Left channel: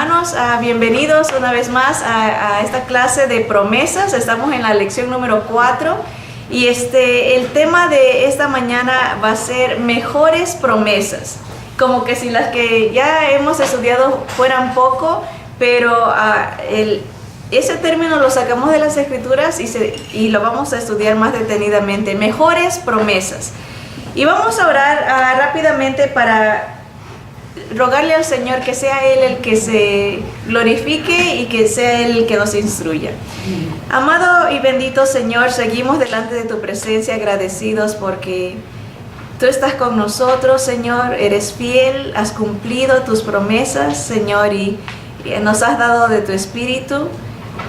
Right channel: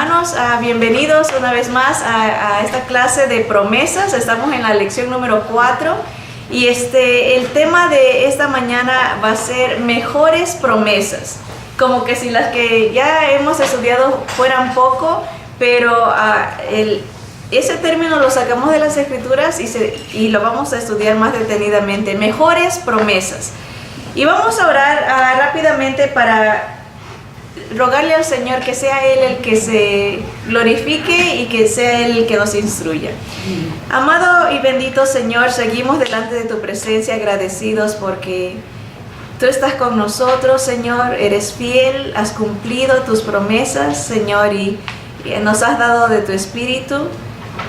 hermanos, bienvenidos una vez más a esta clase de promesas. Estamos en la lección número 4 y el tema de esta mañana va a ser mejores promesas. Como que si las que ya hemos estudiado fueran poco, pero ese término lo sacamos de las escrituras y lo vamos a estudiar más detenidamente. Mejores promesas. Y vamos a orar rápidamente para rogarle al Señor que sea Él el que se glorifique y que sea Él el que nos instruya. Amado y bendito Señor, seguimos delante de tu presencia agradecidos porque tú estás con nosotros, Señor, eres fiel, has cumplido tus promesas, Señor, y nos has dado de tu Espíritu.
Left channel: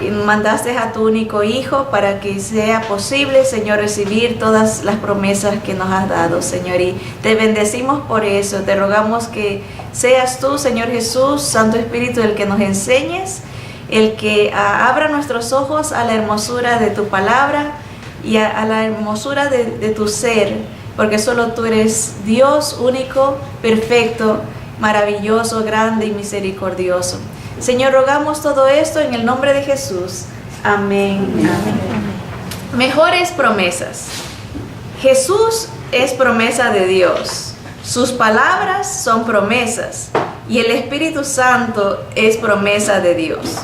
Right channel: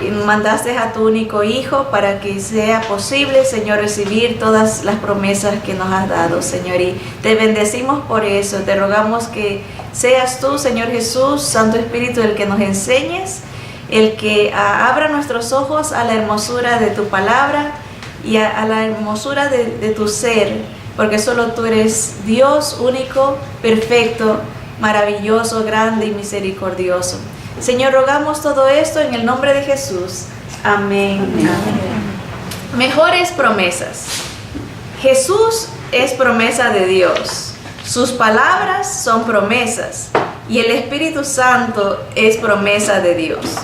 Y mandaste a tu único Hijo para que sea posible, Señor, recibir todas las promesas que nos has dado, Señor. Y te bendecimos por eso. Te rogamos que seas tú, Señor Jesús, Santo Espíritu, el que nos enseñes, el que abra nuestros ojos a la hermosura de tu palabra y a la hermosura de tu ser, porque solo tú eres Dios único, perfecto, maravilloso, grande y misericordioso. Señor, rogamos todo esto en el nombre de Jesús. Amén. Amén. Mejores promesas. Jesús es promesa de Dios. Sus palabras son promesas. Y el Espíritu Santo es promesa de Dios.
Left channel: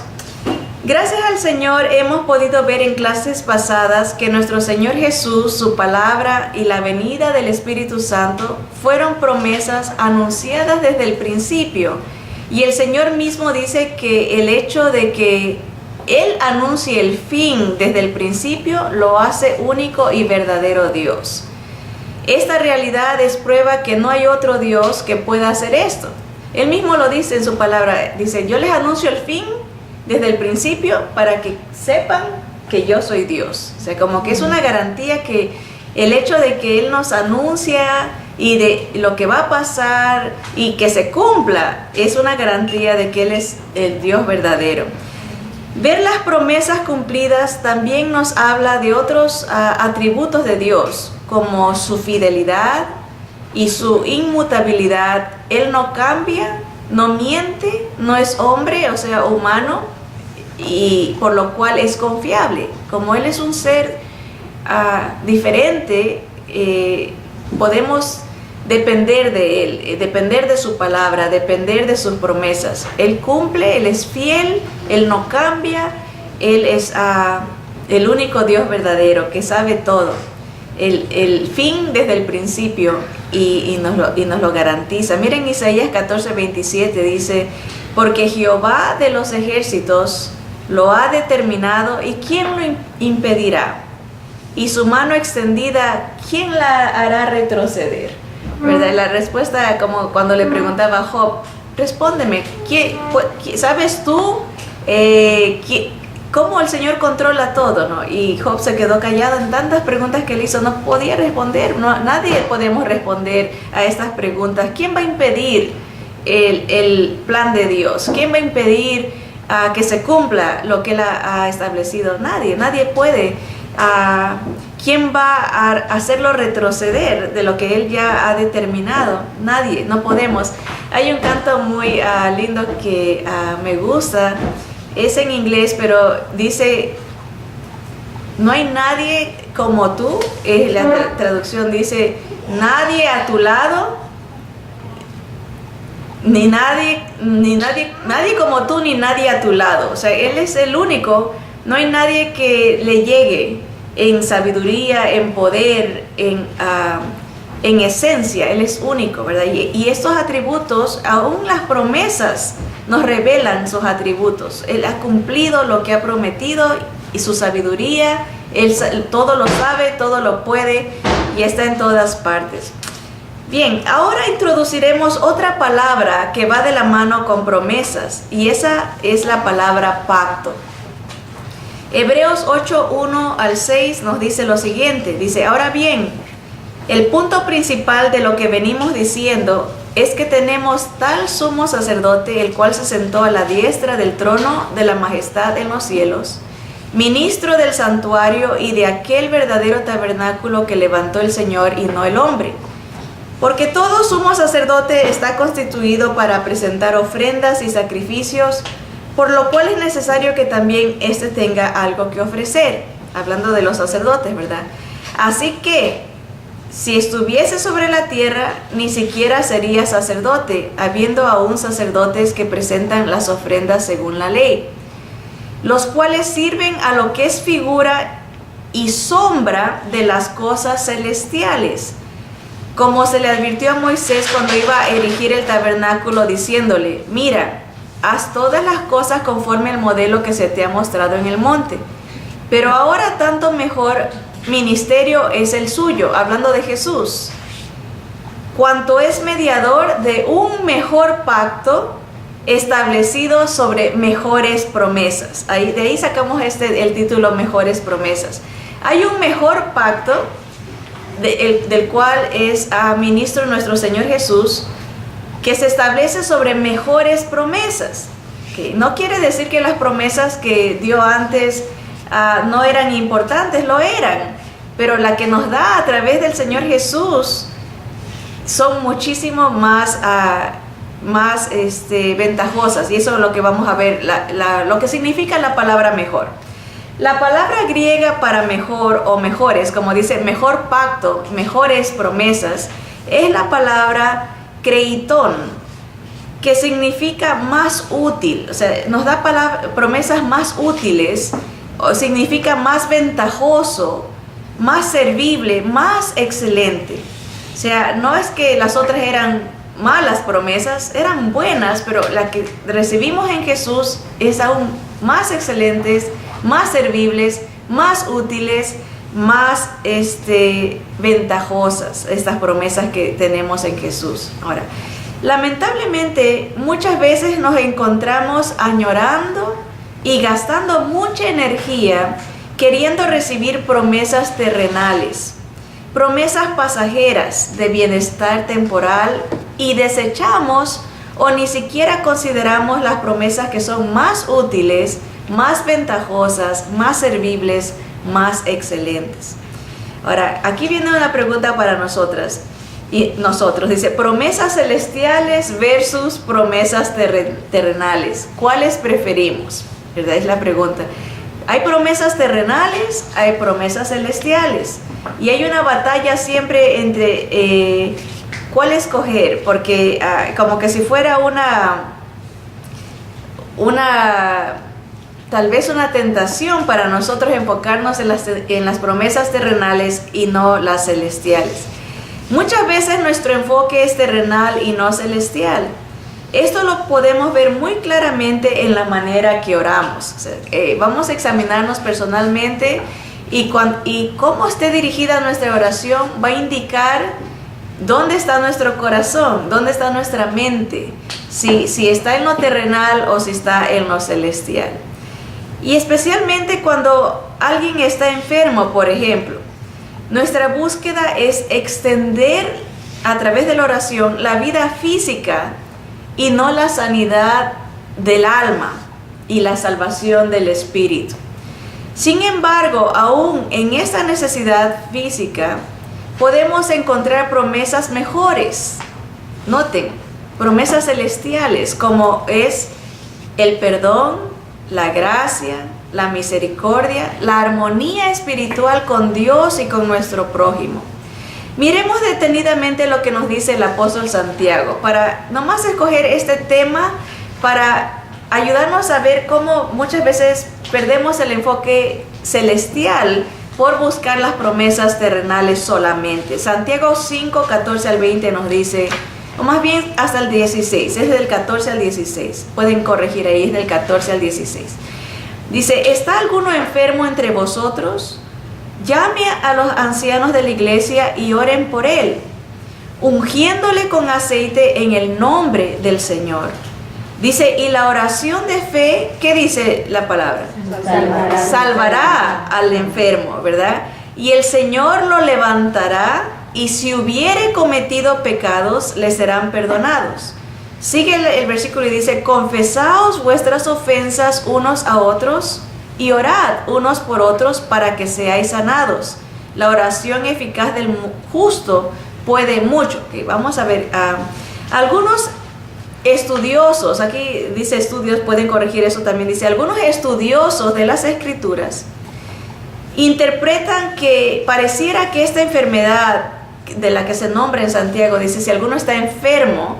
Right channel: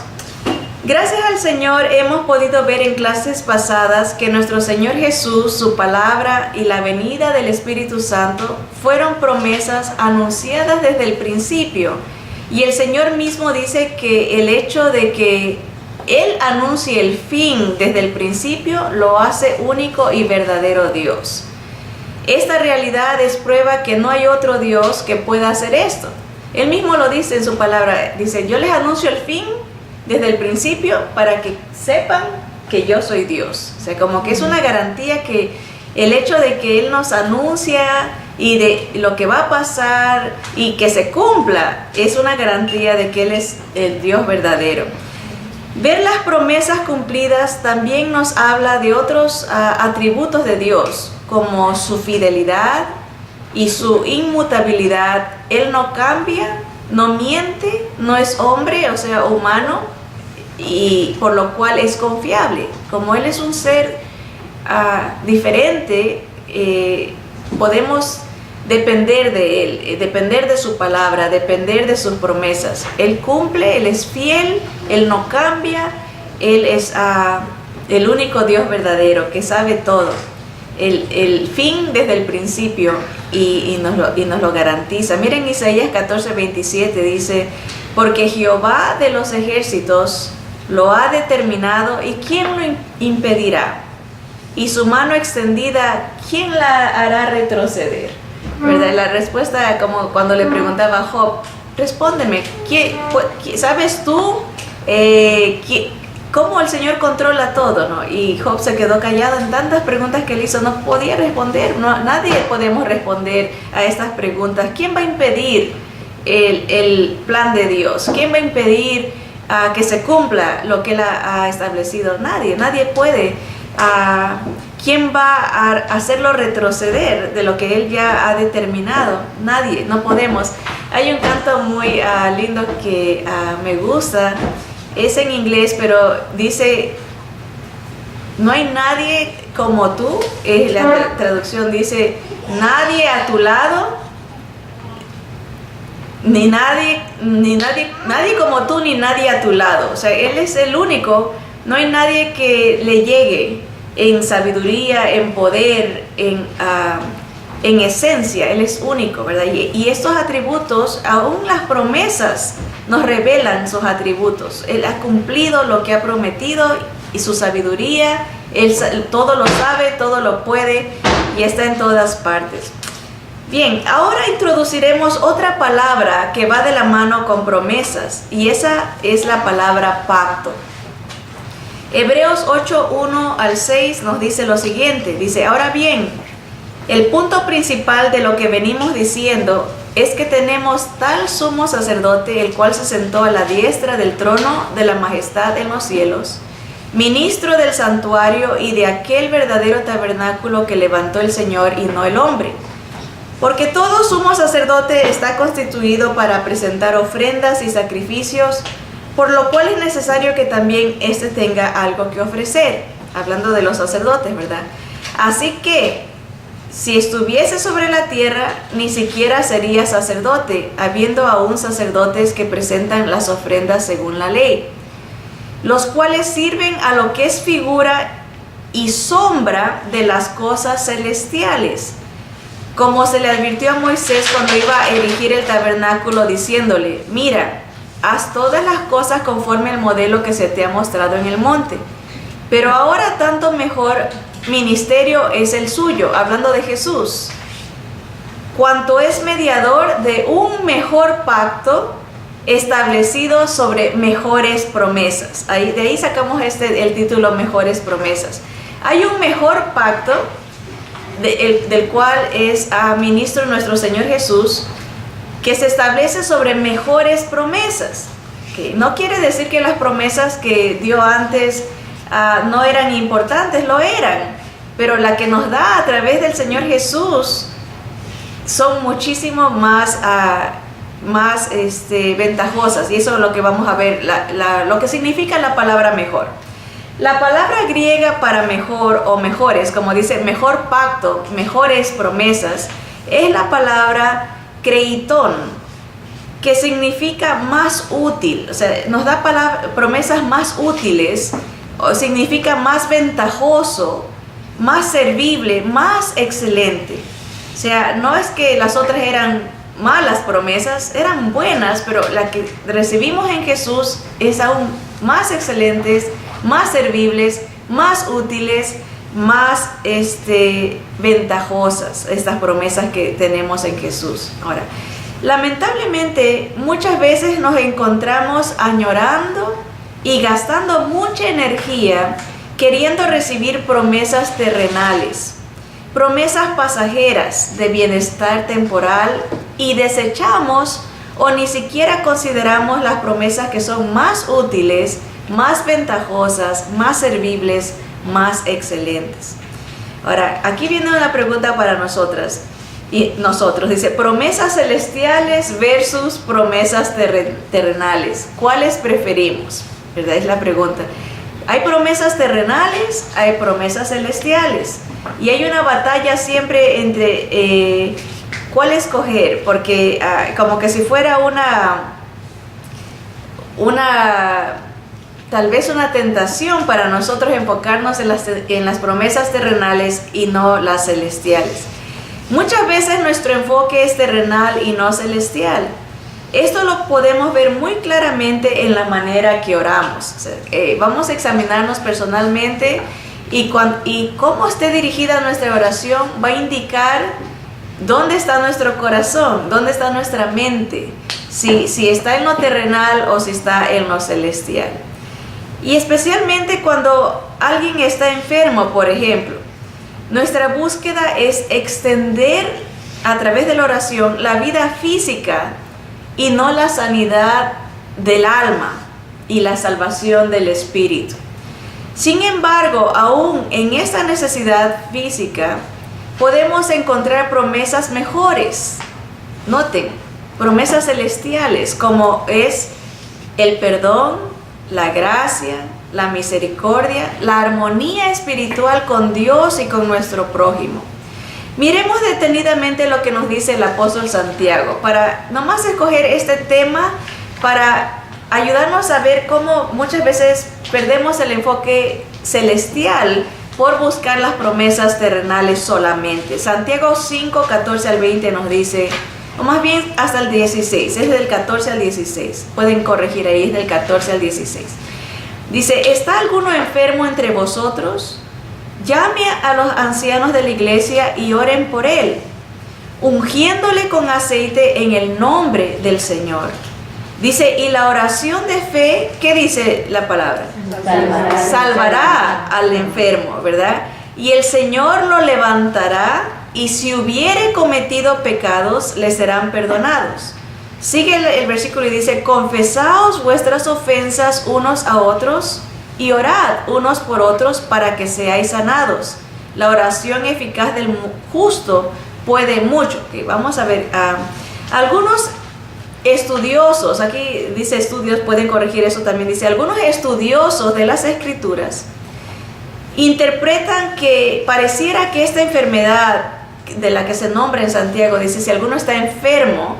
Gracias al Señor hemos podido ver en clases pasadas que nuestro Señor Jesús, su palabra y la venida del Espíritu Santo fueron promesas anunciadas desde el principio. Y el Señor mismo dice que el hecho de que Él anuncie el fin desde el principio lo hace único y verdadero Dios. Esta realidad es prueba que no hay otro Dios que pueda hacer esto. Él mismo lo dice en su palabra, dice, yo les anuncio el fin desde el principio para que sepan que yo soy Dios. O sea, como que es una garantía que el hecho de que Él nos anuncia y de lo que va a pasar y que se cumpla es una garantía de que Él es el Dios verdadero. Ver las promesas cumplidas también nos habla de otros atributos de Dios, como su fidelidad y su inmutabilidad. Él no cambia, no miente, no es hombre, o sea, humano, y por lo cual es confiable. Como Él es un ser diferente, podemos depender de Él, depender de su palabra, depender de sus promesas. Él cumple, Él es fiel, Él no cambia, Él es el único Dios verdadero que sabe todo. El fin desde el principio y nos lo garantiza. Miren Isaías 14:27 dice, porque Jehová de los ejércitos lo ha determinado y ¿quién lo impedirá? Y su mano extendida, ¿quién la hará retroceder? ¿Verdad? La respuesta, como cuando le preguntaba a Job, respóndeme, ¿sabes tú cómo el Señor controla todo? ¿No? Y Job se quedó callado en tantas preguntas que él hizo, no podía responder. Nadie podemos responder a estas preguntas. ¿Quién va a impedir el plan de Dios? ¿Quién va a impedir que se cumpla lo que Él ha establecido? Nadie puede. ¿Quién va a hacerlo retroceder de lo que Él ya ha determinado? Nadie, no podemos. Hay un canto muy lindo que me gusta, es en inglés, pero dice, no hay nadie como tú, la traducción dice, nadie a tu lado, nadie como tú, ni nadie a tu lado. O sea, Él es el único, no hay nadie que le llegue en sabiduría, en poder, en esencia. Él es único, ¿verdad? Y estos atributos, aún las promesas nos revelan sus atributos. Él ha cumplido lo que ha prometido y su sabiduría, Él todo lo sabe, todo lo puede y está en todas partes. Bien, ahora introduciremos otra palabra que va de la mano con promesas y esa es la palabra pacto. Hebreos 8:1 al 6 nos dice lo siguiente, dice, ahora bien, el punto principal de lo que venimos diciendo es que tenemos tal sumo sacerdote, el cual se sentó a la diestra del trono de la majestad en los cielos, ministro del santuario y de aquel verdadero tabernáculo que levantó el Señor y no el hombre. Porque todo sumo sacerdote está constituido para presentar ofrendas y sacrificios, por lo cual es necesario que también éste tenga algo que ofrecer. Hablando de los sacerdotes, ¿verdad? Así que, si estuviese sobre la tierra, ni siquiera sería sacerdote, habiendo aún sacerdotes que presentan las ofrendas según la ley, los cuales sirven a lo que es figura y sombra de las cosas celestiales, como se le advirtió a Moisés cuando iba a erigir el tabernáculo, diciéndole: mira, haz todas las cosas conforme al modelo que se te ha mostrado en el monte. Pero ahora tanto mejor ministerio es el suyo, hablando de Jesús, cuanto es mediador de un mejor pacto establecido sobre mejores promesas. De ahí sacamos el título Mejores Promesas. Hay un mejor pacto del cual es ministro nuestro Señor Jesús, que se establece sobre mejores promesas. Que no quiere decir que las promesas que dio antes no eran importantes, lo eran, pero la que nos da a través del Señor Jesús son muchísimo más ventajosas, y eso es lo que vamos a ver, lo que significa la palabra mejor. La palabra griega para mejor o mejores, como dice mejor pacto, mejores promesas, es la palabra kreiton, que significa más útil. O sea, nos da promesas más útiles, o significa más ventajoso, más servible, más excelente. O sea, no es que las otras eran malas promesas, eran buenas, pero la que recibimos en Jesús es aún más excelentes, más servibles, más útiles, más ventajosas, estas promesas que tenemos en Jesús. Ahora, lamentablemente muchas veces nos encontramos añorando y gastando mucha energía queriendo recibir promesas terrenales, promesas pasajeras de bienestar temporal, y desechamos o ni siquiera consideramos las promesas que son más útiles, más ventajosas, más servibles, más excelentes. Ahora, aquí viene una pregunta para nosotras y nosotros. Dice, promesas celestiales versus promesas terrenales. ¿Cuáles preferimos? ¿Verdad? Es la pregunta. Hay promesas terrenales, hay promesas celestiales. Y hay una batalla siempre entre cuál escoger, porque como que si fuera tal vez una tentación para nosotros enfocarnos en las promesas terrenales y no las celestiales. Muchas veces nuestro enfoque es terrenal y no celestial. Esto lo podemos ver muy claramente en la manera que oramos. O sea, vamos a examinarnos personalmente y cómo esté dirigida nuestra oración va a indicar dónde está nuestro corazón, dónde está nuestra mente, si está en lo terrenal o si está en lo celestial. Y especialmente cuando alguien está enfermo, por ejemplo, nuestra búsqueda es extender a través de la oración la vida física y no la sanidad del alma y la salvación del espíritu. Sin embargo, aún en esta necesidad física, podemos encontrar promesas mejores. Noten, promesas celestiales, como es el perdón, la gracia, la misericordia, la armonía espiritual con Dios y con nuestro prójimo. Miremos detenidamente lo que nos dice el apóstol Santiago, para nomás escoger este tema para ayudarnos a ver cómo muchas veces perdemos el enfoque celestial por buscar las promesas terrenales solamente. Santiago 5, 14 al 20 nos dice, o más bien hasta el 16, es del 14 al 16, pueden corregir ahí, es del 14 al 16. Dice, ¿está alguno enfermo entre vosotros? Llame a los ancianos de la iglesia y oren por él, ungiéndole con aceite en el nombre del Señor. Dice, y la oración de fe, ¿qué dice la palabra? Salvará al enfermo, ¿verdad? Y el Señor lo levantará, y si hubiere cometido pecados, le serán perdonados. Sigue el versículo y dice, confesaos vuestras ofensas unos a otros y orad unos por otros para que seáis sanados. La oración eficaz del justo puede mucho. Que vamos a ver, algunos estudiosos, aquí dice estudios, pueden corregir eso también, dice, algunos estudiosos de las Escrituras interpretan que pareciera que esta enfermedad de la que se nombra en Santiago, dice, si alguno está enfermo,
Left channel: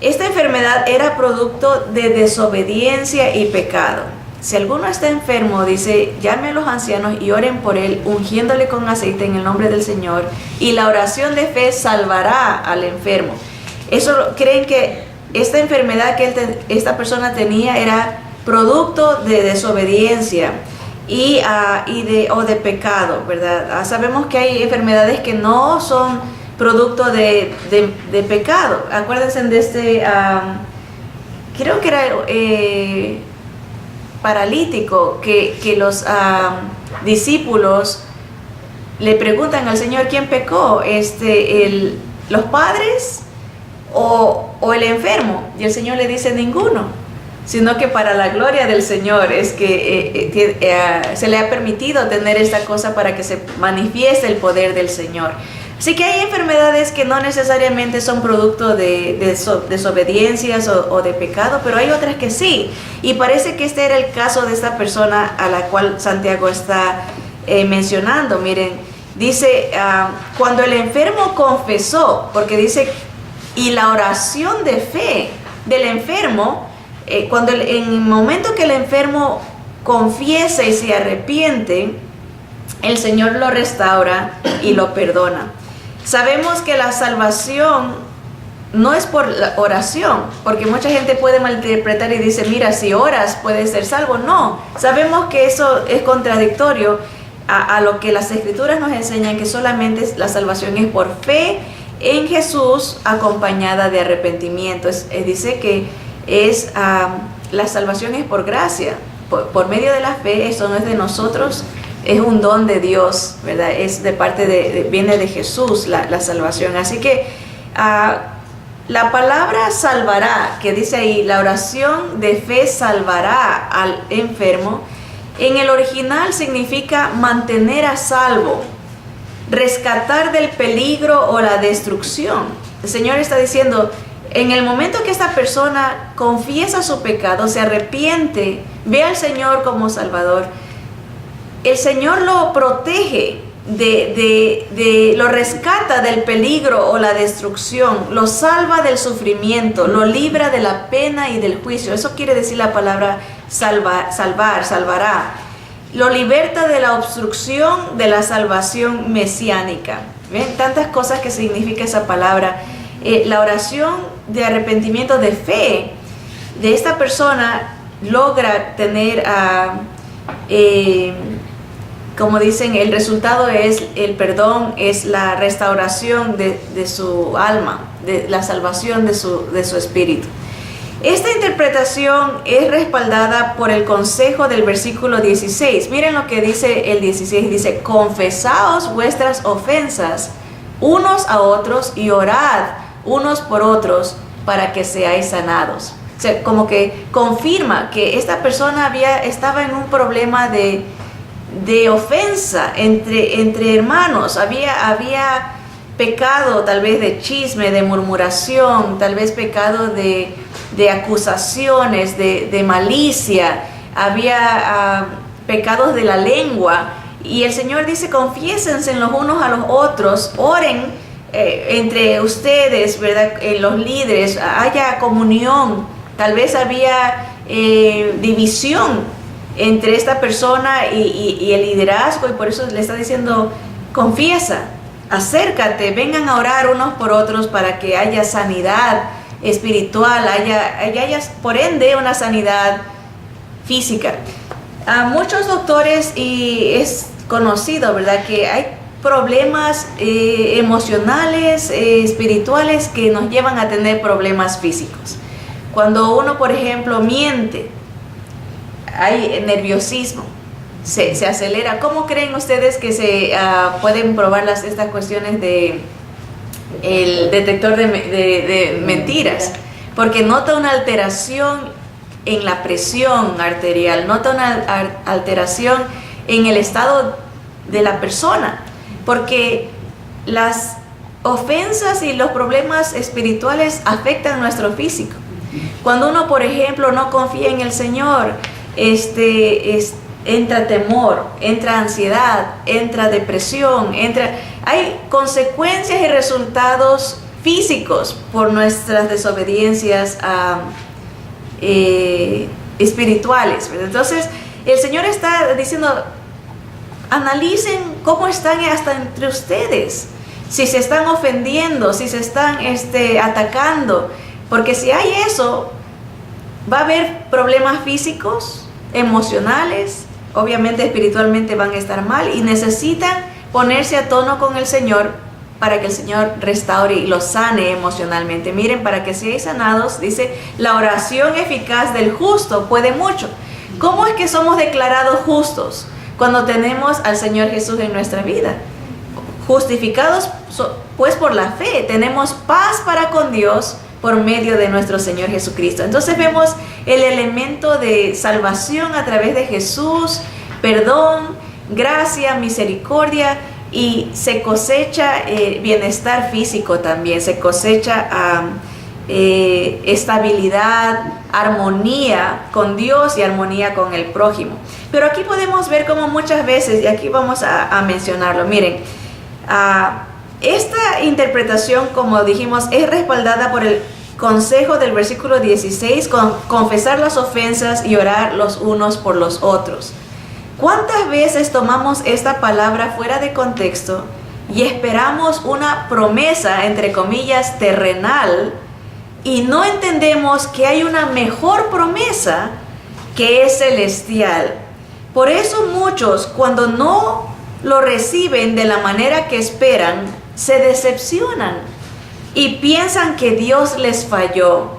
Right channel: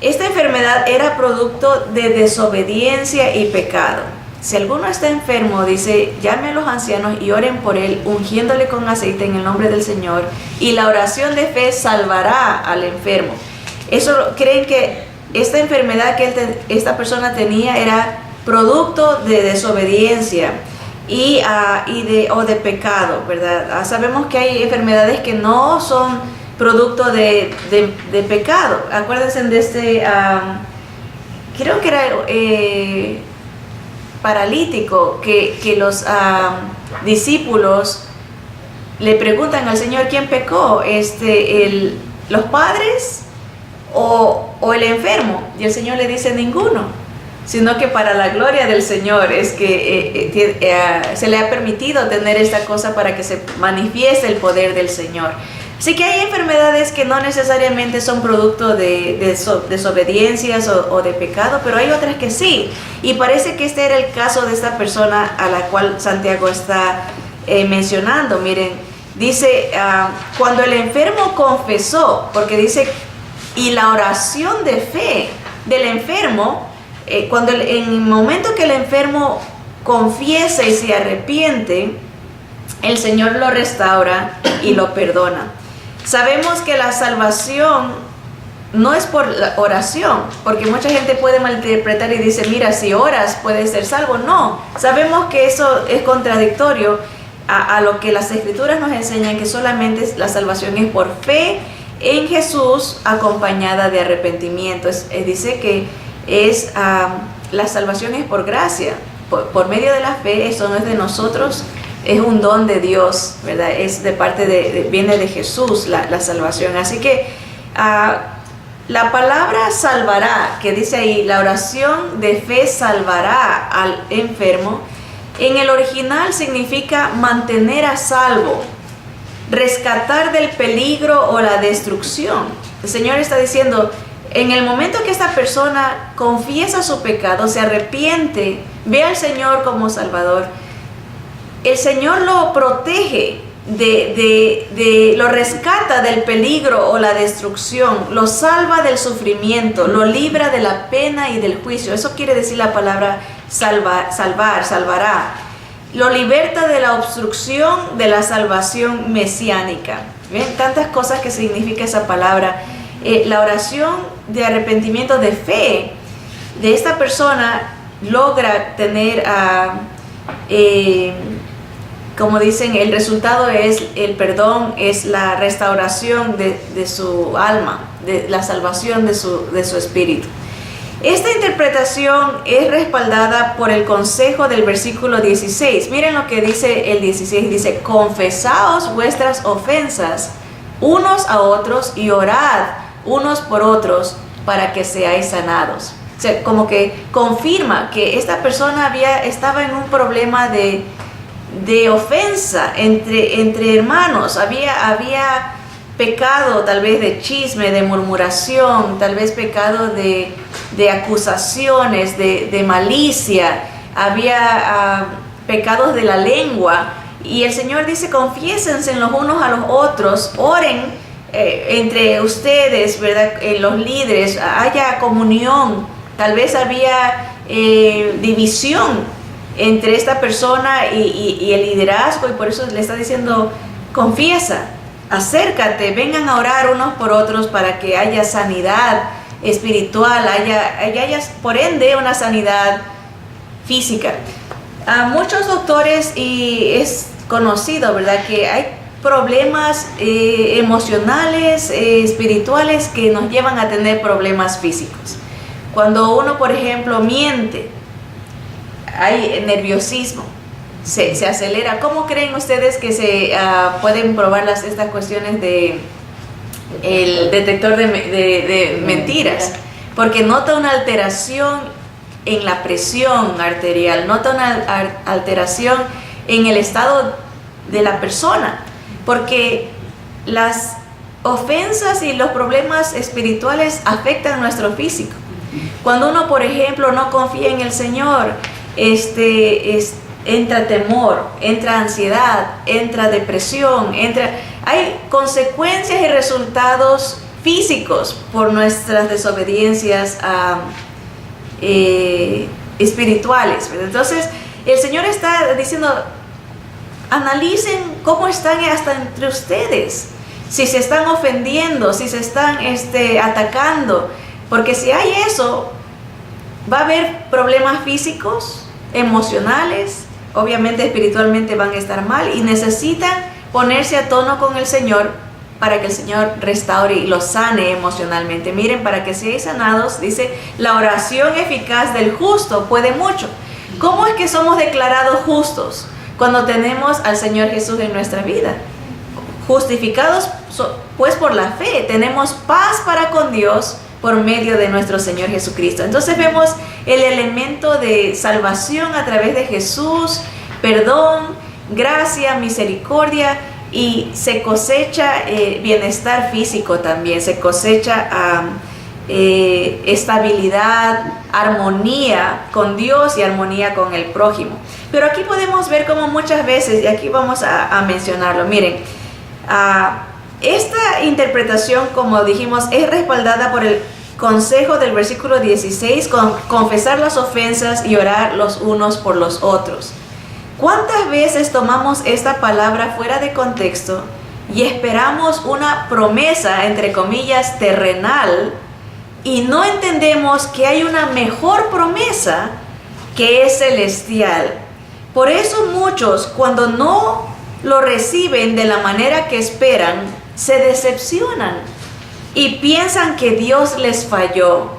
esta enfermedad era producto de desobediencia y pecado. Si alguno está enfermo, dice, llame a los ancianos y oren por él, ungiéndole con aceite en el nombre del Señor, y la oración de fe salvará al enfermo. Eso creen que esta enfermedad que esta persona tenía era producto de desobediencia o de pecado, ¿verdad? Sabemos que hay enfermedades que no son producto de pecado. Acuérdense de creo que era paralítico, que los discípulos le preguntan al Señor, ¿quién pecó? ¿Los padres o el enfermo? Y el Señor le dice, ninguno, sino que para la gloria del Señor es que se le ha permitido tener esta cosa para que se manifieste el poder del Señor. Así que hay enfermedades que no necesariamente son producto de desobediencias o de pecado, pero hay otras que sí. Y parece que este era el caso de esta persona a la cual Santiago está mencionando. Miren, dice, cuando el enfermo confesó, porque dice, y la oración de fe del enfermo, en el momento que el enfermo confiesa y se arrepiente, el Señor lo restaura y lo perdona. Sabemos que la salvación no es por la oración, porque mucha gente puede malinterpretar y dice, mira, si oras puedes ser salvo. No, sabemos que eso es contradictorio a lo que las Escrituras nos enseñan, que solamente la salvación es por fe en Jesús acompañada de arrepentimiento. Dice que la salvación es por gracia, por medio de la fe. Eso no es de nosotros, es un don de Dios, ¿verdad? Es de parte viene de Jesús la salvación. Así que la palabra salvará, que dice ahí, la oración de fe salvará al enfermo, en el original significa mantener a salvo, rescatar del peligro o la destrucción. El Señor está diciendo, en el momento que esta persona confiesa su pecado, se arrepiente, ve al Señor como Salvador, el Señor lo protege, lo rescata del peligro o la destrucción, lo salva del sufrimiento, lo libra de la pena y del juicio. Eso quiere decir la palabra salvará. Lo liberta de la obstrucción de la salvación mesiánica. ¿Ven? Tantas cosas que significa esa palabra. La oración de arrepentimiento de fe de esta persona logra tener como dicen, el resultado es el perdón, es la restauración de su alma, de la salvación de su espíritu. Esta interpretación es respaldada por el consejo del versículo 16. Miren lo que dice el 16, dice, confesaos vuestras ofensas unos a otros y orad unos por otros para que seáis sanados. O sea, como que confirma que esta persona estaba en un problema de ofensa entre hermanos. Había pecado tal vez de chisme, de murmuración, tal vez pecado de acusaciones, de malicia, había pecados de la lengua. Y el Señor dice, confiésense los unos a los otros, oren entre ustedes, ¿verdad? Los líderes, haya comunión. Tal vez había división entre esta persona y el liderazgo, y por eso le está diciendo, confiesa, acércate, vengan a orar unos por otros para que haya sanidad espiritual, haya por ende una sanidad física. A muchos doctores, y es conocido, ¿verdad?, que hay problemas emocionales, espirituales, que nos llevan a tener problemas físicos. Cuando uno, por ejemplo, miente, hay nerviosismo, se acelera. ¿Cómo creen ustedes que se pueden probar estas cuestiones el detector de mentiras? Porque nota una alteración en la presión arterial, nota una alteración en el estado de la persona, porque ofensas y los problemas espirituales afectan nuestro físico. Cuando uno, por ejemplo, no confía en el Señor, entra temor, entra ansiedad, entra depresión, hay consecuencias y resultados físicos por nuestras desobediencias espirituales, ¿verdad? Entonces, el Señor está diciendo, analicen cómo están hasta entre ustedes, si se están ofendiendo, si se están atacando, porque si hay eso, va a haber problemas físicos, emocionales, obviamente espiritualmente van a estar mal y necesitan ponerse a tono con el Señor para que el Señor restaure y los sane emocionalmente. Miren, para que seáis sanados, dice, la oración eficaz del justo puede mucho. ¿Cómo es que somos declarados justos? Cuando tenemos al Señor Jesús en nuestra vida. Justificados pues por la fe, tenemos paz para con Dios por medio de nuestro Señor Jesucristo. Entonces vemos el elemento de salvación a través de Jesús, perdón, gracia, misericordia, y se cosecha bienestar físico también, se cosecha estabilidad, armonía con Dios y armonía con el prójimo. Pero aquí podemos ver cómo muchas veces, y aquí vamos a mencionarlo, miren, esta interpretación, como dijimos, es respaldada por el consejo del versículo 16, con confesar las ofensas y orar los unos por los otros. ¿Cuántas veces tomamos esta palabra fuera de contexto y esperamos una promesa, entre comillas, terrenal, y no entendemos que hay una mejor promesa que es celestial? Por eso muchos, cuando no lo reciben de la manera que esperan, se decepcionan y piensan que Dios les falló,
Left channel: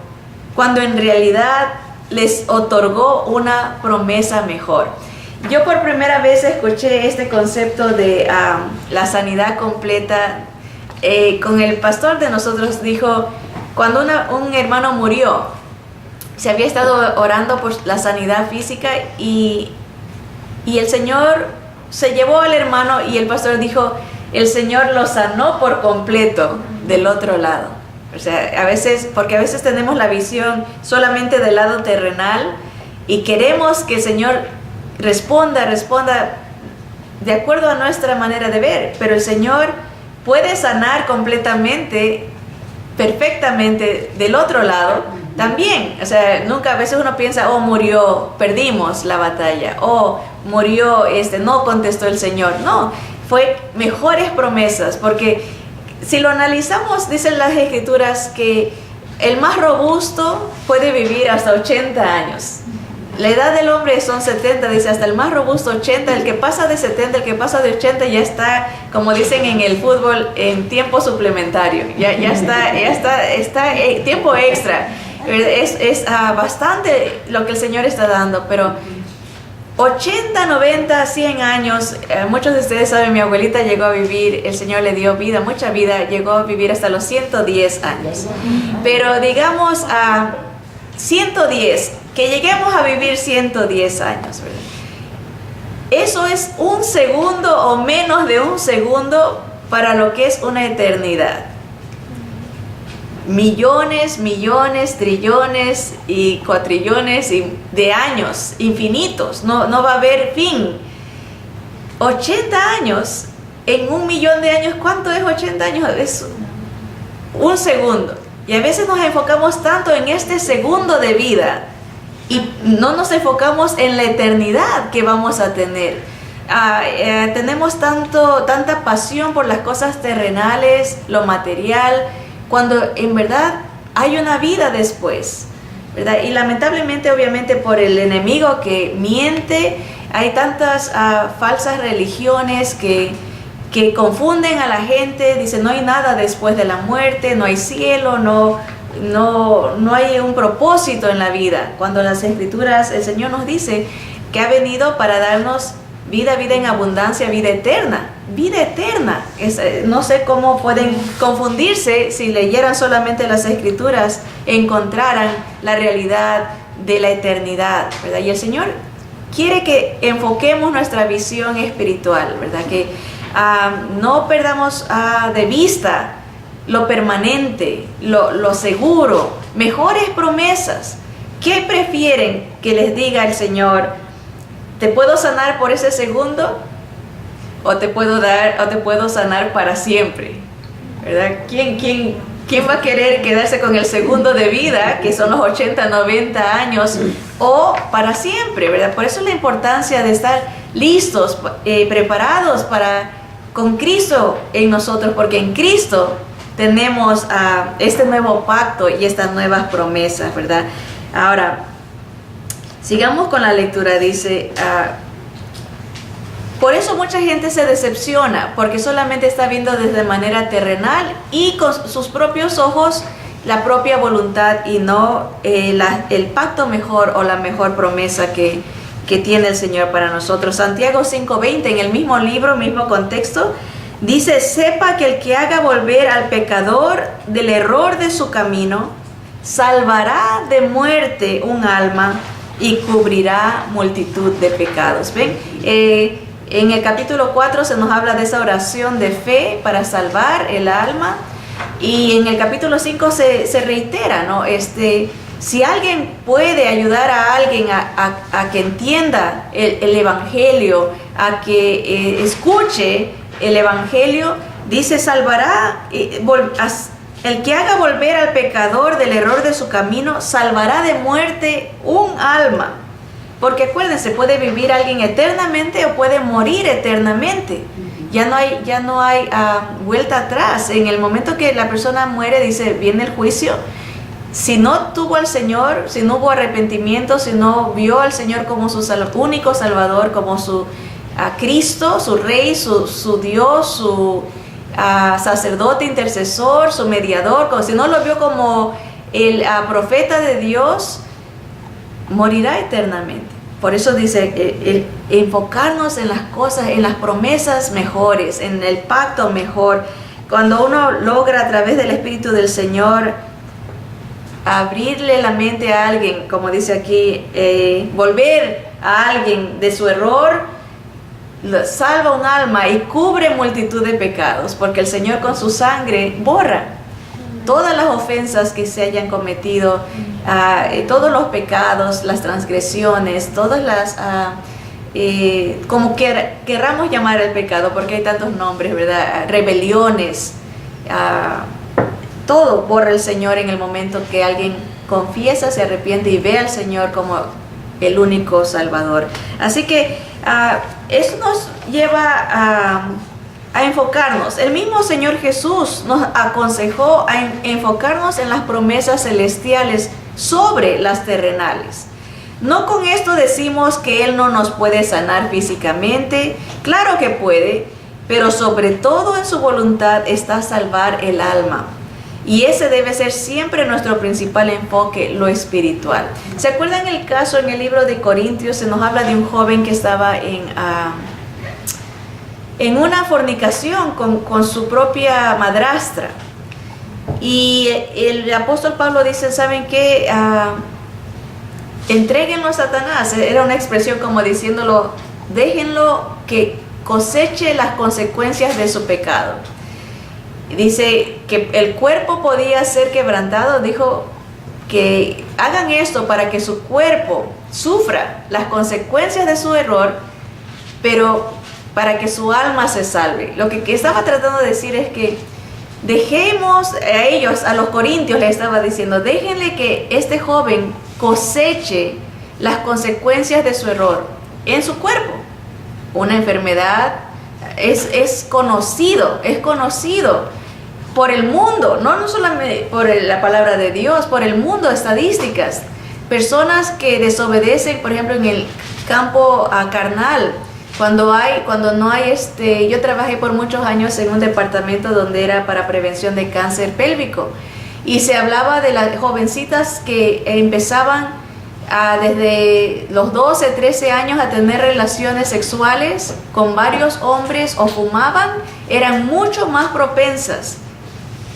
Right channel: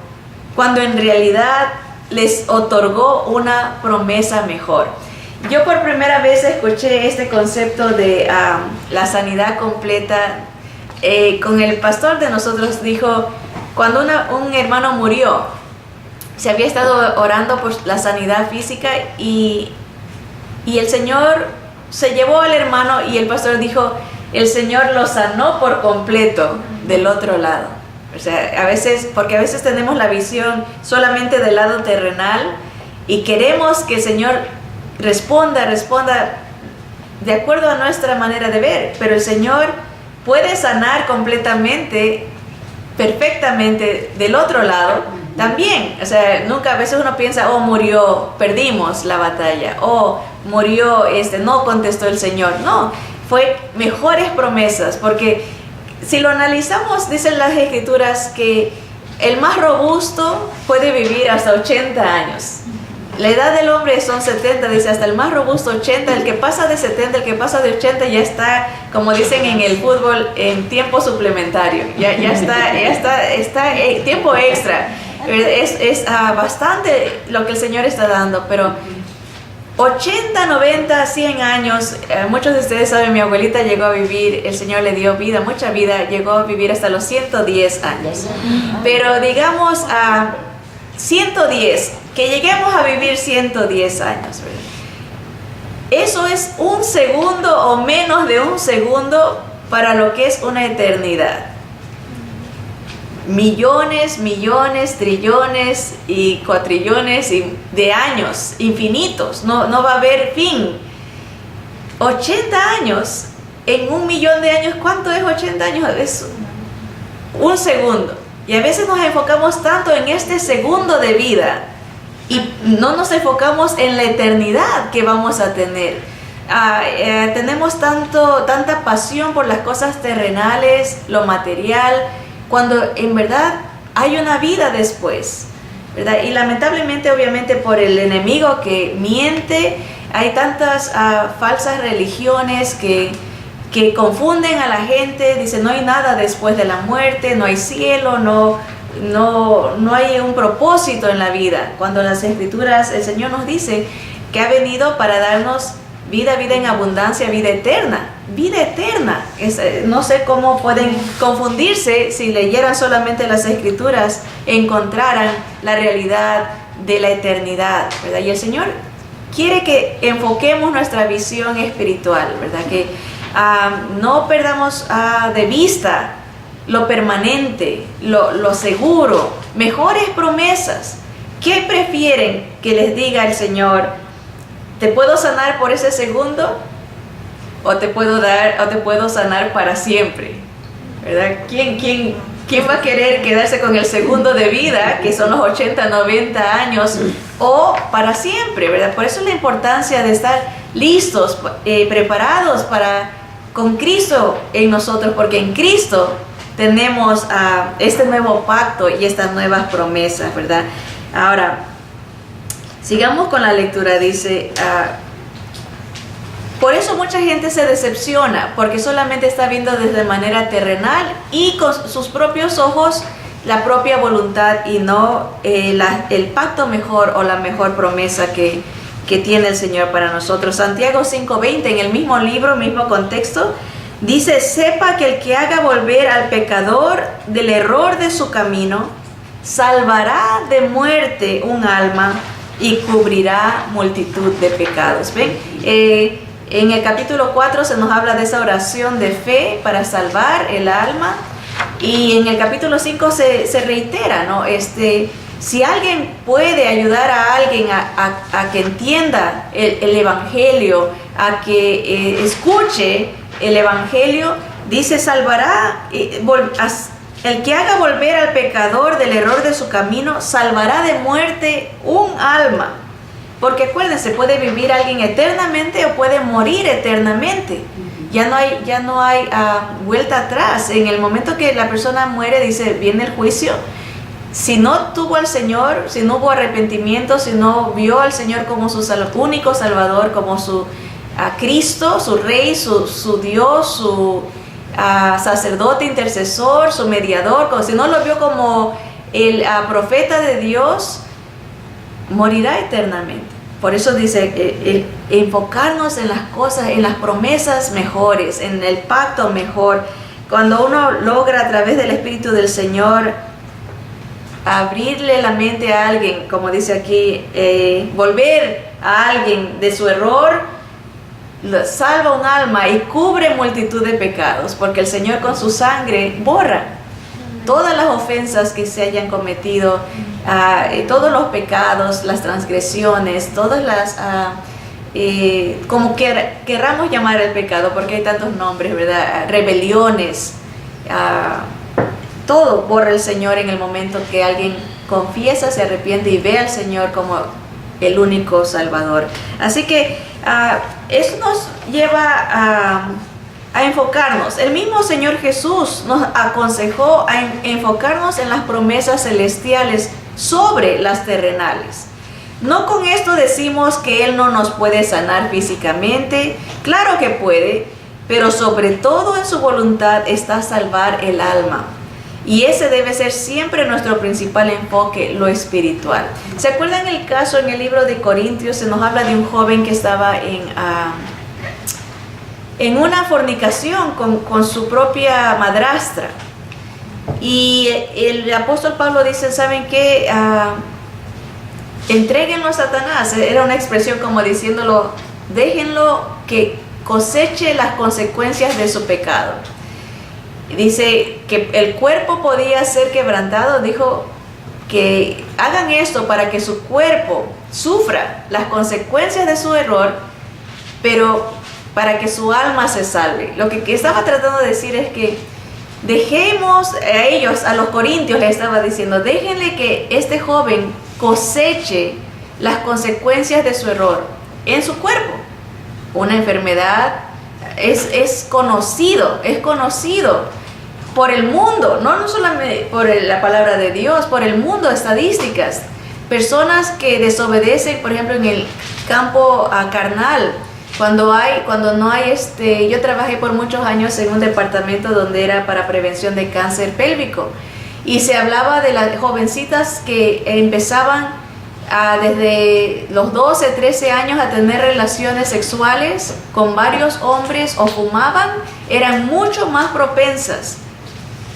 cuando en realidad les otorgó una promesa mejor. Yo por primera vez escuché este concepto de la sanidad completa con el pastor de nosotros. Dijo, cuando un hermano murió, se había estado orando por la sanidad física y el Señor se llevó al hermano y el pastor dijo, el Señor lo sanó por completo del otro lado. O sea, porque a veces tenemos la visión solamente del lado terrenal y queremos que el Señor responda de acuerdo a nuestra manera de ver, pero el Señor puede sanar completamente, perfectamente del otro lado también. O sea, a veces uno piensa, murió, perdimos la batalla, murió, no contestó el Señor. No, fue mejores promesas, porque si lo analizamos, dicen las Escrituras que el más robusto puede vivir hasta 80 años. La edad del hombre son 70, dice, hasta el más robusto 80, el que pasa de 70, el que pasa de 80 ya está, como dicen en el fútbol, en tiempo suplementario, ya está tiempo extra. Es bastante lo que el Señor está dando, pero 80, 90, 100 años, muchos de ustedes saben, mi abuelita llegó a vivir, el Señor le dio vida, mucha vida, llegó a vivir hasta los 110 años. Pero digamos a 110, que lleguemos a vivir 110 años, ¿verdad? Eso es un segundo o menos de un segundo para lo que es una eternidad. Millones, trillones y cuatrillones de años infinitos, no va a haber fin. 80 años, en 1.000.000 de años, ¿cuánto es 80 años? Es un segundo. Y a veces nos enfocamos tanto en este segundo de vida y no nos enfocamos en la eternidad que vamos a tener. Tenemos tanta pasión por las cosas terrenales, lo material, cuando en verdad hay una vida después, ¿verdad? Y lamentablemente, obviamente, por el enemigo que miente, hay tantas falsas religiones que confunden a la gente. Dicen, no hay nada después de la muerte, no hay cielo, no hay un propósito en la vida, cuando las Escrituras, el Señor nos dice que ha venido para darnos vida en abundancia, vida eterna. No sé cómo pueden confundirse si leyeran solamente las Escrituras, encontraran la realidad de la eternidad, ¿verdad? Y el Señor quiere que enfoquemos nuestra visión espiritual, ¿verdad? Que no perdamos de vista lo permanente, lo seguro, mejores promesas. ¿Qué prefieren que les diga el Señor? ¿Te puedo sanar por ese segundo? ¿O te puedo sanar para siempre? ¿Verdad? ¿Quién va a querer quedarse con el segundo de vida, que son los 80, 90 años, o para siempre? ¿Verdad? Por eso la importancia de estar listos, preparados con Cristo en nosotros, porque en Cristo tenemos este nuevo pacto y estas nuevas promesas, ¿verdad? Ahora, sigamos con la lectura. Dice, por eso mucha gente se decepciona, porque solamente está viendo desde manera terrenal y con sus propios ojos la propia voluntad, y no el pacto mejor o la mejor promesa que tiene el Señor para nosotros. Santiago 5:20, en el mismo libro, mismo contexto, dice: sepa que el que haga volver al pecador del error de su camino, salvará de muerte un alma y cubrirá multitud de pecados. ¿Ven? En el capítulo 4 se nos habla de esa oración de fe para salvar el alma, y en el capítulo 5 se reitera, ¿no? Si alguien puede ayudar a alguien a que entienda el Evangelio, a que escuche el Evangelio, dice: salvará, el que haga volver al pecador del error de su camino, salvará de muerte un alma. Porque acuérdense, puede vivir alguien eternamente o puede morir eternamente. Ya no hay vuelta atrás. En el momento que la persona muere, dice, viene el juicio. Si no tuvo al Señor, si no hubo arrepentimiento, si no vio al Señor como su único Salvador, como a Cristo, su Rey, su Dios, su sacerdote, intercesor, su mediador, si no lo vio como el profeta de Dios, morirá eternamente. Por eso dice el enfocarnos en las cosas, en las promesas mejores, en el pacto mejor. Cuando uno logra a través del Espíritu del Señor abrirle la mente a alguien, como dice aquí, volver a alguien de su error, salva un alma y cubre multitud de pecados, porque el Señor con su sangre borra todas las ofensas que se hayan cometido, todos los pecados, las transgresiones, todas las, como querramos llamar el pecado, porque hay tantos nombres, ¿verdad? Rebeliones, todo borra el Señor en el momento que alguien confiesa, se arrepiente y ve al Señor como el único Salvador. Así que eso nos lleva a enfocarnos. El mismo Señor Jesús nos aconsejó a enfocarnos en las promesas celestiales sobre las terrenales. No con esto decimos que Él no nos puede sanar físicamente. Claro que puede, pero sobre todo en su voluntad está salvar el alma. Y ese debe ser siempre nuestro principal enfoque, lo espiritual. ¿Se acuerdan el caso en el libro de Corintios? Se nos habla de un joven que estaba en una fornicación con su propia madrastra. Y el apóstol Pablo dice, ¿saben qué? Entréguenlo a Satanás. Era una expresión como diciéndolo, déjenlo que coseche las consecuencias de su pecado. Dice que el cuerpo podía ser quebrantado. Dijo que hagan esto para que su cuerpo sufra las consecuencias de su error, pero para que su alma se salve. Lo que estaba tratando de decir es que dejemos a ellos, a los corintios le estaba diciendo, déjenle que este joven coseche las consecuencias de su error en su cuerpo. Una enfermedad es conocido por el mundo, no solamente por la palabra de Dios, por el mundo, estadísticas. Personas que desobedecen, por ejemplo, en el campo carnal, cuando no hay, yo trabajé por muchos años en un departamento donde era para prevención de cáncer pélvico, y se hablaba de las jovencitas que empezaban desde los 12, 13 años a tener relaciones sexuales con varios hombres o fumaban, eran mucho más propensas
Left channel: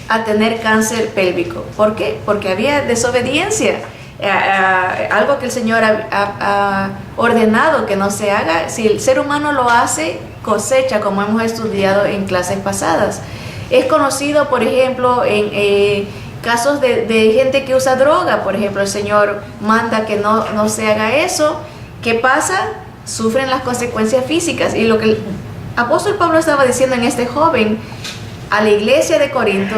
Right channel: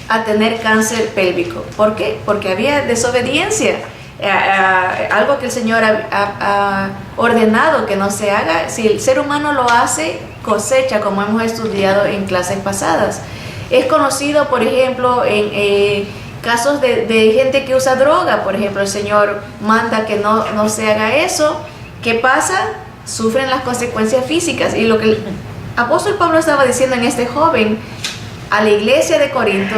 a tener cáncer pélvico. ¿Por qué? Porque había desobediencia, algo que el Señor ha ordenado que no se haga. Si el ser humano lo hace, cosecha, como hemos estudiado en clases pasadas. Es conocido, por ejemplo, en casos de gente que usa droga. Por ejemplo, el Señor manda que no se haga eso. ¿Qué pasa? Sufren las consecuencias físicas. Y lo que el apóstol Pablo estaba diciendo en este joven, a la iglesia de Corinto,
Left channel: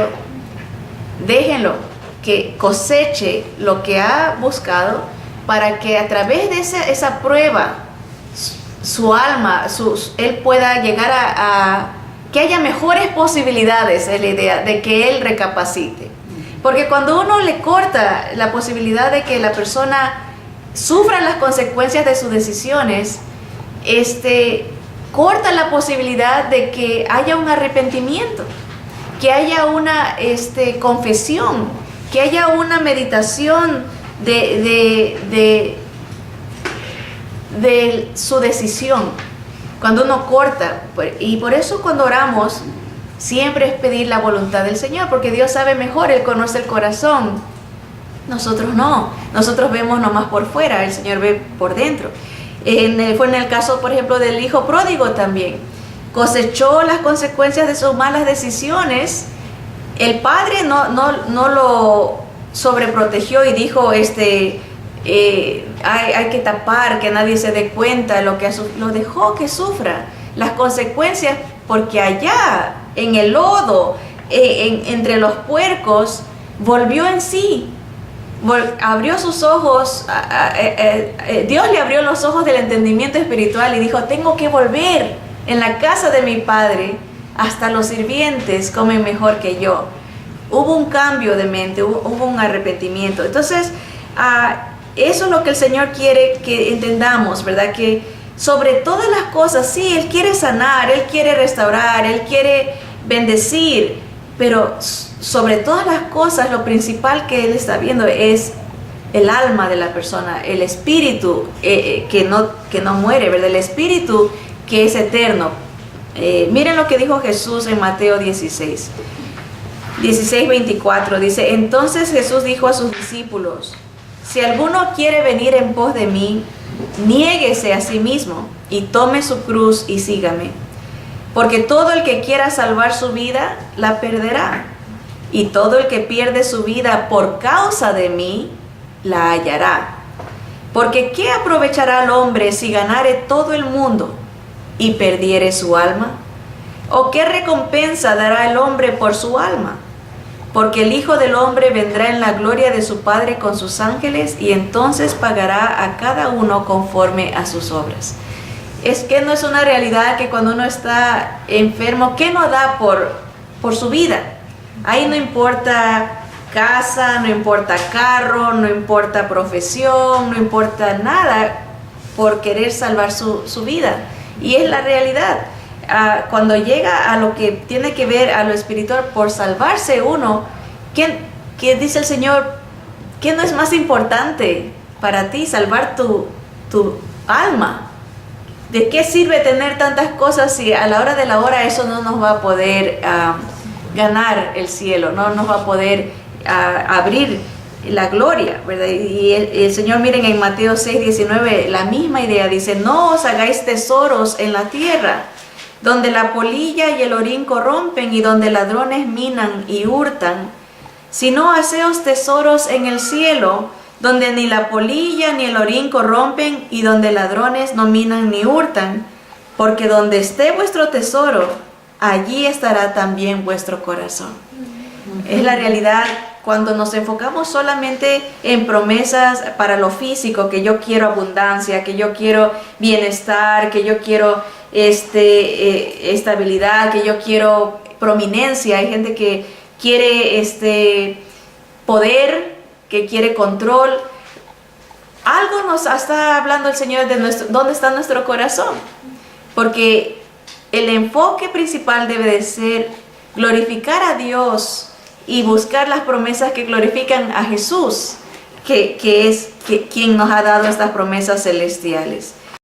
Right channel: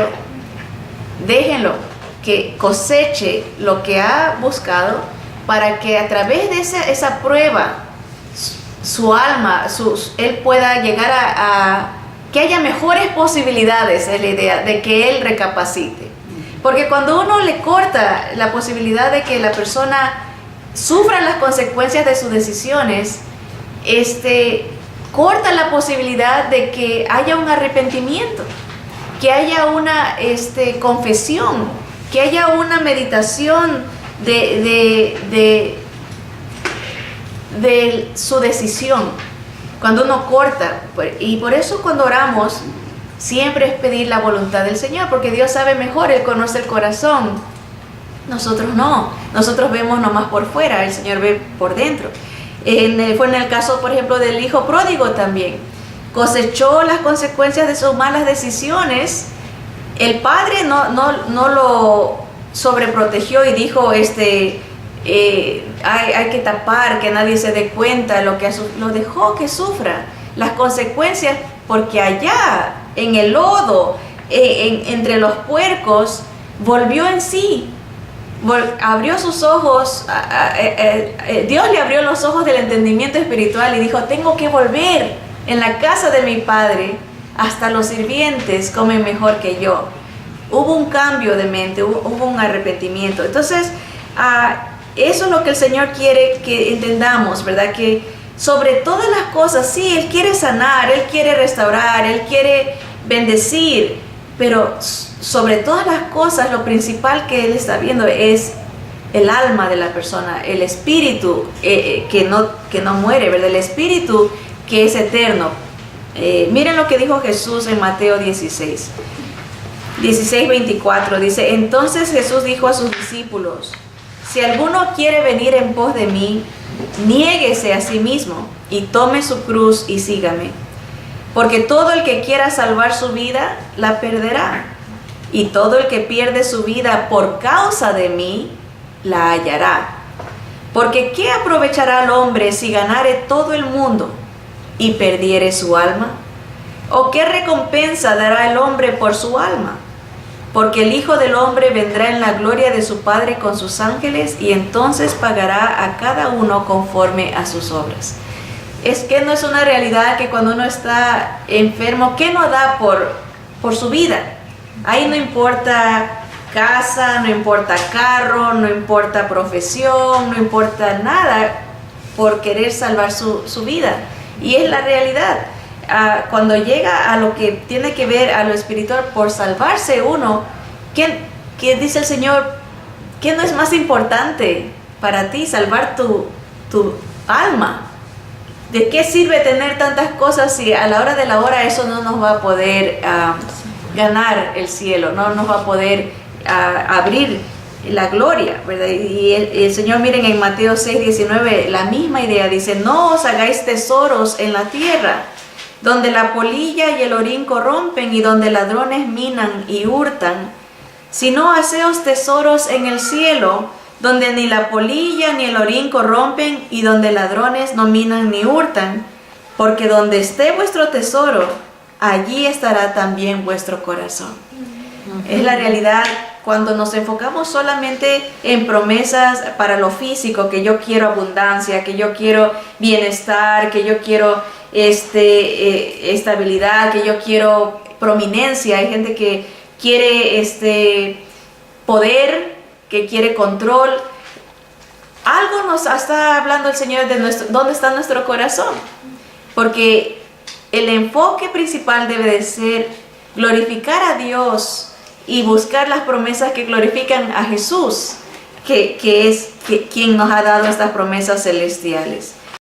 déjenlo que coseche lo que ha buscado, para que a través de esa prueba su alma, él pueda llegar a que haya mejores posibilidades, es la idea de que él recapacite. Porque cuando uno le corta la posibilidad de que la persona sufra las consecuencias de sus decisiones, corta la posibilidad de que haya un arrepentimiento, que haya una confesión, que haya una meditación de su decisión. Cuando uno corta, y por eso cuando oramos siempre es pedir la voluntad del Señor, porque Dios sabe mejor, Él conoce el corazón. Nosotros no, nosotros vemos nomás por fuera, el Señor ve por dentro. Fue en el caso, por ejemplo, del hijo pródigo también. Cosechó las consecuencias de sus malas decisiones. El padre no lo sobreprotegió y dijo, hay que tapar, que nadie se dé cuenta, lo dejó que sufra las consecuencias, porque allá en el lodo, entre los puercos, volvió en sí. Abrió sus ojos, Dios le abrió los ojos del entendimiento espiritual y dijo, tengo que volver en la casa de mi padre, hasta los sirvientes comen mejor que yo. Hubo un cambio de mente, hubo un arrepentimiento. Entonces, eso es lo que el Señor quiere que entendamos, ¿verdad? Que sobre todas las cosas, sí, Él quiere sanar, Él quiere restaurar, Él quiere bendecir, pero sobre todas las cosas, lo principal que Él está viendo es el alma de la persona, el espíritu que no muere, ¿verdad? El espíritu que es eterno. Miren lo que dijo Jesús en Mateo 16:24, dice, entonces Jesús dijo a sus discípulos, si alguno quiere venir en pos de mí, niéguese a sí mismo y tome su cruz y sígame. Porque todo el que quiera salvar su vida, la perderá. Y todo el que pierde su vida por causa de mí, la hallará. Porque ¿qué aprovechará el hombre si ganare todo el mundo y perdiere su alma? ¿O qué recompensa dará el hombre por su alma? Porque el Hijo del Hombre vendrá en la gloria de su Padre con sus ángeles y entonces pagará a cada uno conforme a sus obras. Es que no es una realidad que cuando uno está enfermo, ¿qué no da por su vida? Ahí no importa casa, no importa carro, no importa profesión, no importa nada por querer salvar su vida. Y es la realidad. Cuando llega a lo que tiene que ver a lo espiritual, por salvarse uno, ¿qué dice el Señor? ¿Qué no es más importante para ti? Salvar tu alma. ¿De qué sirve tener tantas cosas si a la hora de la hora eso no nos va a poder ganar el cielo, no nos va a poder abrir la gloria, ¿verdad? Y el Señor, miren en Mateo 6:19, la misma idea, dice, no os hagáis tesoros en la tierra, donde la polilla y el orín corrompen y donde ladrones minan y hurtan, sino haceos tesoros en el cielo, donde ni la polilla ni el orín corrompen y donde ladrones no minan ni hurtan, porque donde esté vuestro tesoro, allí estará también vuestro corazón. Es la realidad. Cuando nos enfocamos solamente en promesas para lo físico, que yo quiero abundancia, que yo quiero bienestar, que yo quiero estabilidad, que yo quiero prominencia, hay gente que quiere poder, que quiere control. Algo nos está hablando el Señor de dónde está nuestro corazón, porque el enfoque principal debe de ser glorificar a Dios y buscar las promesas que glorifican a Jesús, que es quien nos ha dado estas promesas celestiales.